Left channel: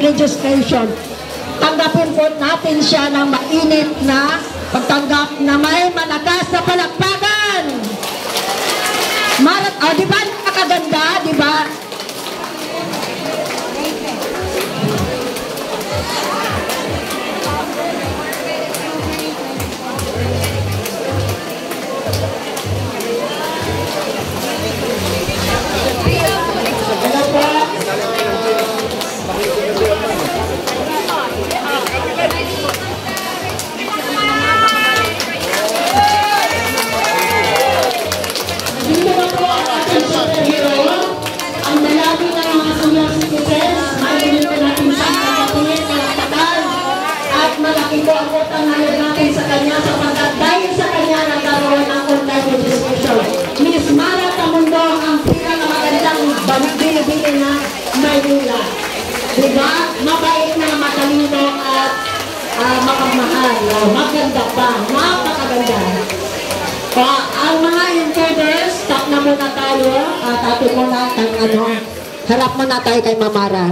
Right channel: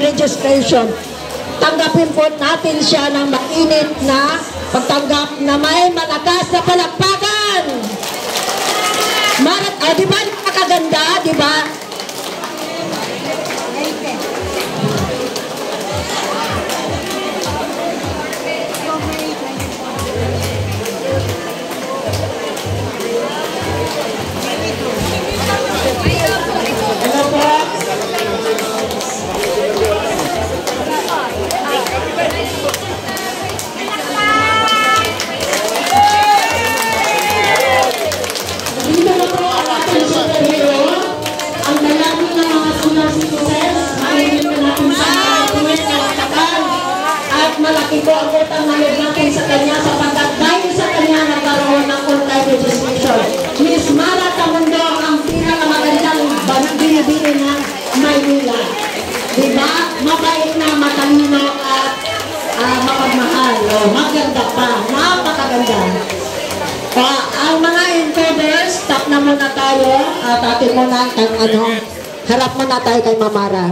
registration. Tanggapin po natin siya ng mainit na pagtanggap na may malakas na palakpakan. Di ba nakaganda, di ba? Malaki po ang utang na loob natin sa kanya sapagkat dahil sa kanya nagkaroon ng online registration. Miss Mara Tamundo ang pinakamagandang binibili na Maynila. Diba? Mabait na, matalino at mapagmahal. Maganda pa. Napakaganda. Ang mga encoders, stop na muna tayo at atin muna harap muna tayo kay Mamara.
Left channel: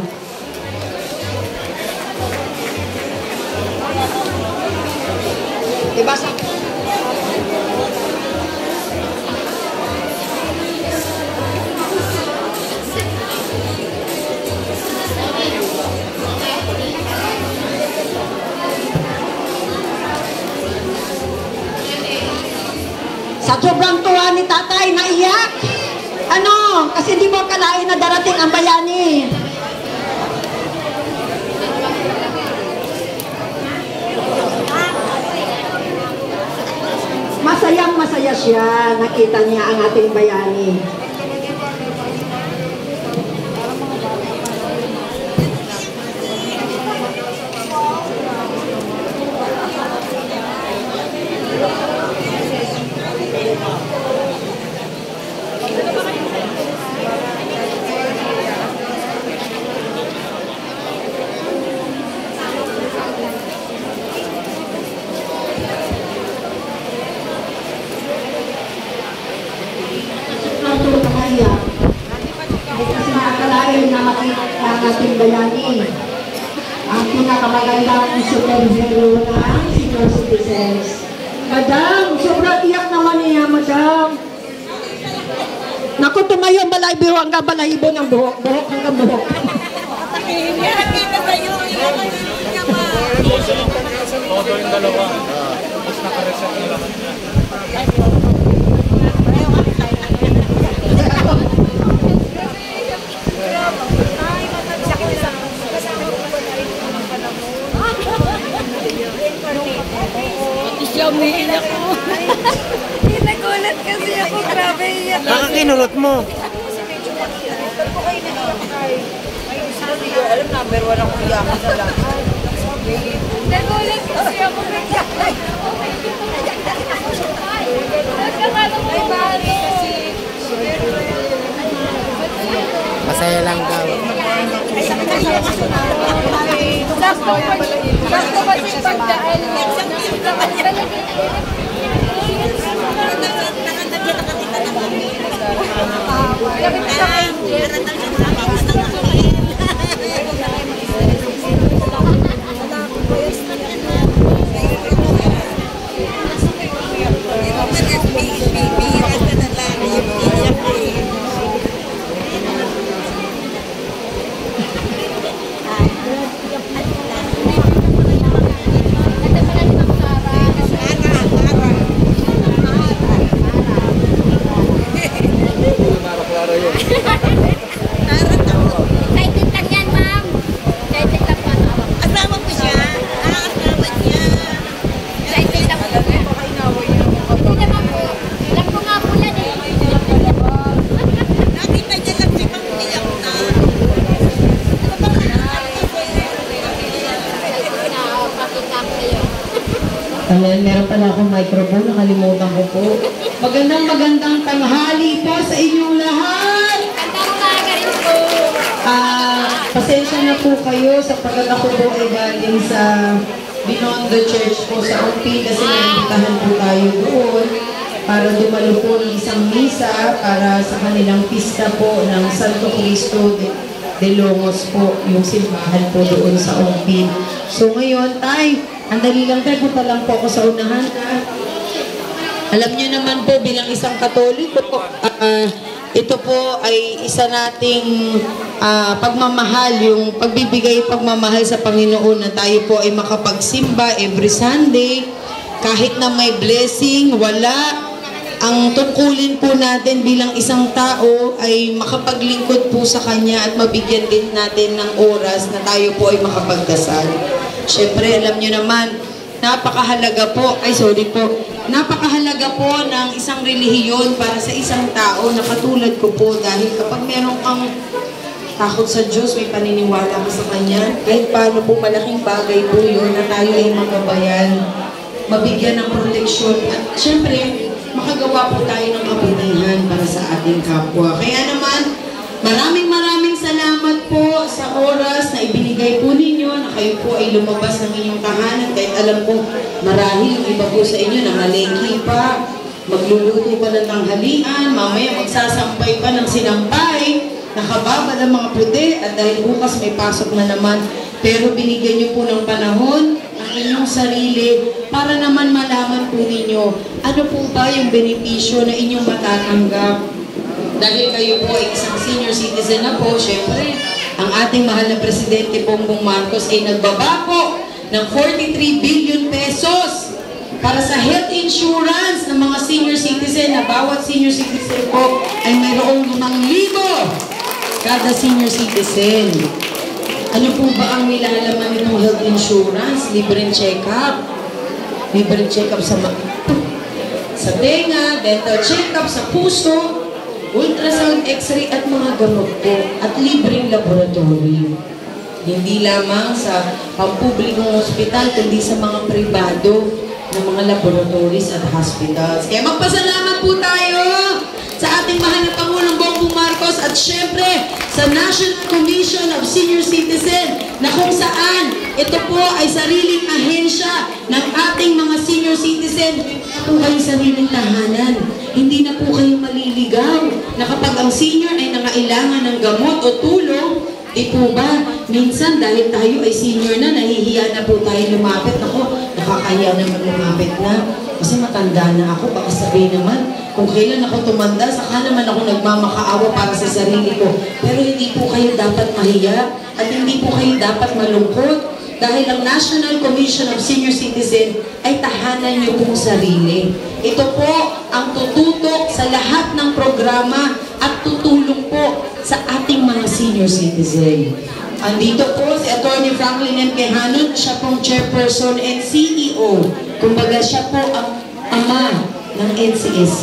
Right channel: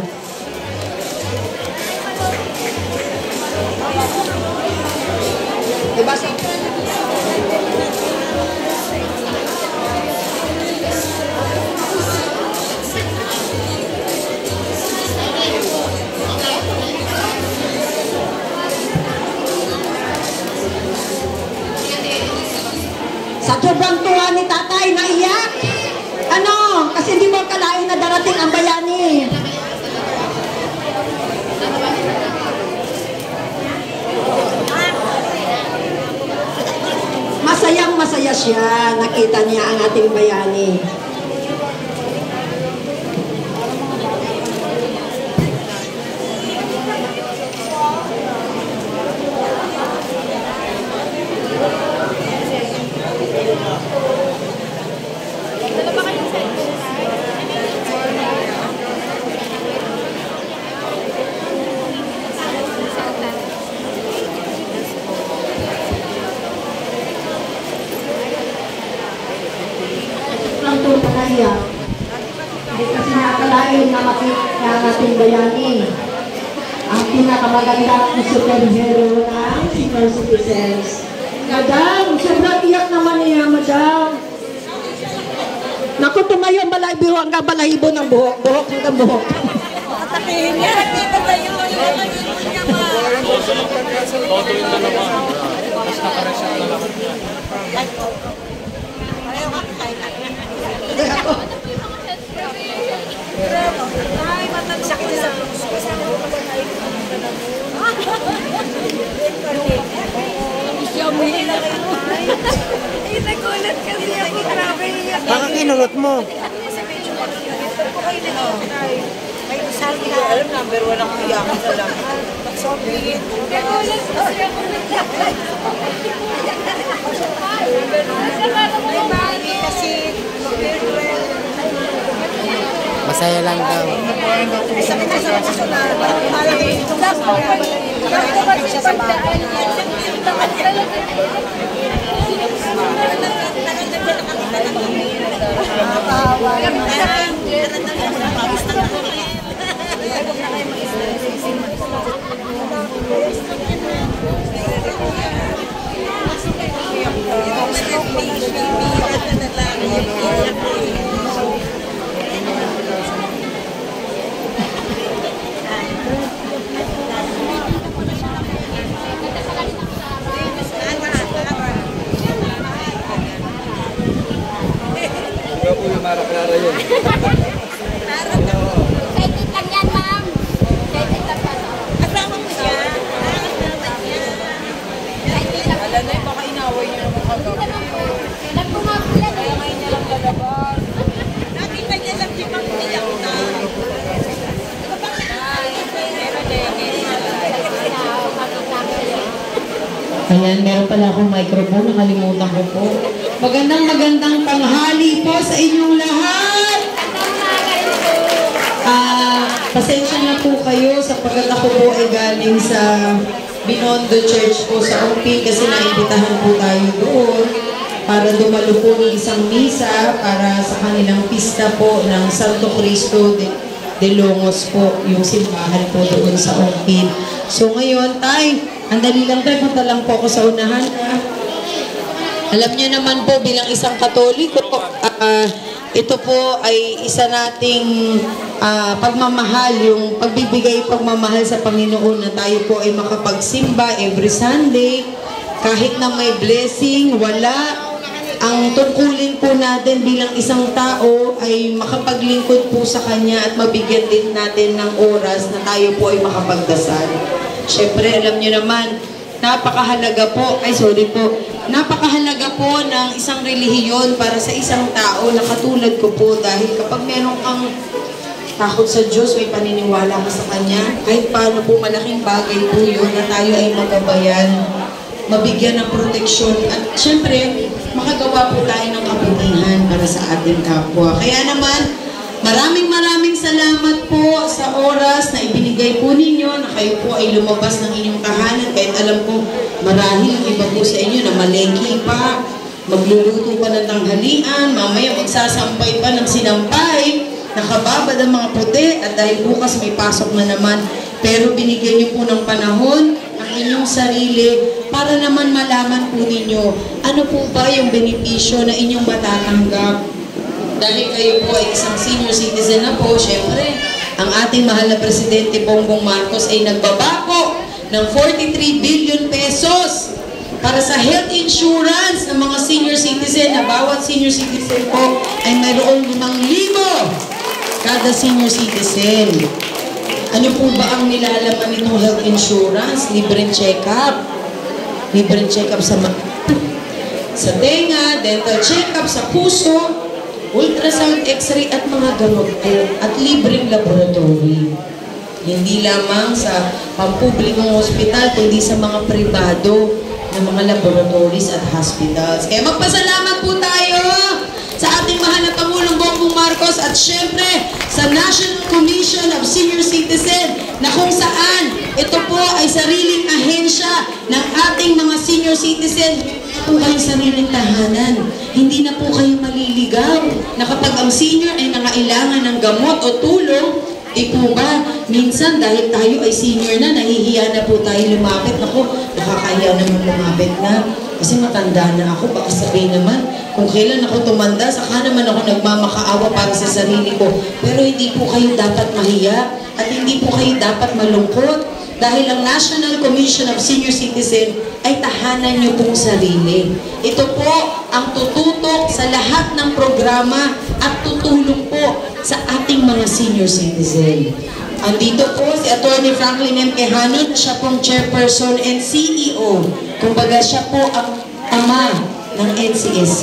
Diba? Sa sobrang tuwa ni tatay, naiyak. Kasi di mo kalain na darating ang bayani. Masayang-masaya siya. Nakita niya ang ating bayani. Kasi nakakalain na ating bayani. Ang pinakamagandang superhero ng senior citizens. Madam, sobrang iyak naman niya, madam. Naku, tumayo ang balahibo hanggang balahibo ng buhok. Buhok hanggang buhok. Atakihin niya. Patayin mo yung mga niya mo. Todo yung dalawa. Tapos nakareset na lahat niya. Ay, matanong ko lang. Kasama ko ba tayo ng mga panamon? Siya umiiyak ako. Nagulat kasi ako. Grabe iyak. Baka kinulot mo. Kasi medyo mag-iinit. Pero po kayo nag-iyak tayo. May isa niya. Alam, number 1 ang iyakan sa lahat. Nagulat kasi ako. Ay, bakit kasi Masaya lang daw. Excited lang yan, ma'am. Excited lang pa sa awak. asawa ko siya. Asawa niya. Excited lang. Alam niya, baka inaway niya ng mga Hindi naman po. Ilan ko nga po yan eh. nakita niya lang si Pampiyak na. Ayan, meron pala akong microphone. Nakalimutan ko po. Magandang tanghali po sa inyong lahat. Pasensya na po kayo sapagkat ako po ay galing sa Binondo Church po sa Umpi kasi naimbitahan po tayo doon para dumalo po ng isang misa para sa kanilang pista po ng Santo Cristo de Longos po, yung simbahan po doon sa OP. So ngayon, Tay, andali lang tayo, punta lang po ako sa unahan. Alam niyo naman po, bilang isang Katoliko, ito po ay isa nating pagmamahal, yung pagbibigay pagmamahal sa Panginoon na tayo po ay makapagsimba every Sunday, kahit na may blessing, wala. Ang tungkulin po natin bilang isang tao ay makapaglingkod po sa Kanya at mabigyan din natin ng oras na tayo po ay makapagdasal. Siyempre, alam niyo naman, napakahalaga po ng isang relihiyon para sa isang tao na katulad ko po, dahil kapag meron kang takot sa Diyos, may paniniwala ka sa Kanya, kahit paano po malaking bagay po yun na tayo ay magabayan, mabigyan ng proteksyon at siyempre, makagawa po tayo ng kabutihan para sa ating kapwa. Kaya naman, maraming salamat po sa oras na ibinigay po ninyo na kayo po ay lumabas ng inyong tahanan. Kahit alam ko, marahil ang iba po sa inyo na malengki pa, magluluto pa ng tanghalian, mamaya magsasampay pa ng sinampay, nakababad ang mga puti, at dahil bukas may pasok na naman. Pero binigyan niyo po ng panahon ang inyong sarili para naman malaman po ninyo ano po ba yung benepisyo na inyong matatanggap. Dahil kayo po ay isang senior citizen na po, syempre, ang ating mahal na Presidente Bongbong Marcos ay nagbaba po ng 43 billion pesos para sa health insurance ng mga senior citizen, na bawat senior citizen po ay mayroong 5,000 kada senior citizen. Ano po ba ang nilalaman nitong health insurance? Libreng check-up. Libreng check-up sa tenga, dental check-up sa puso, ultrasound, x-ray at mga gamot po. At libreng laboratory. Hindi lamang sa pampublikong hospital, kundi sa mga pribado na mga laboratories at hospitals. Kaya magpasalamat po tayo sa ating mahal na Pangulong Bongbong Marcos at syempre sa National Commission of Senior Citizen na kung saan ito po ay sariling ahensya ng ating mga senior citizen. Po kayong sariling tahanan. Hindi na po kayo maliligaw na kapag ang senior ay nangailangan ng gamot o tulong, di po ba, minsan dahil tayo ay senior na, nahihiya na po tayo lumapit. Ako, nakakahiya naman lumapit na. Kasi matanda na ako, baka sabihin naman, kung kailan ako tumanda, saka naman ako nagmamakaawa para sa sarili ko. Pero hindi po kayo dapat mahiya at hindi po kayo dapat malungkot dahil ang National Commission of Senior Citizen ay tahanan niyo pong sarili. Ito po ang tututok sa lahat ng programa at tutulong po sa ating mga senior citizen. Andito po si Atty. Franklin M. Quejanut, siya pong chairperson and CEO. Kumbaga siya po ang ama ng NCSC.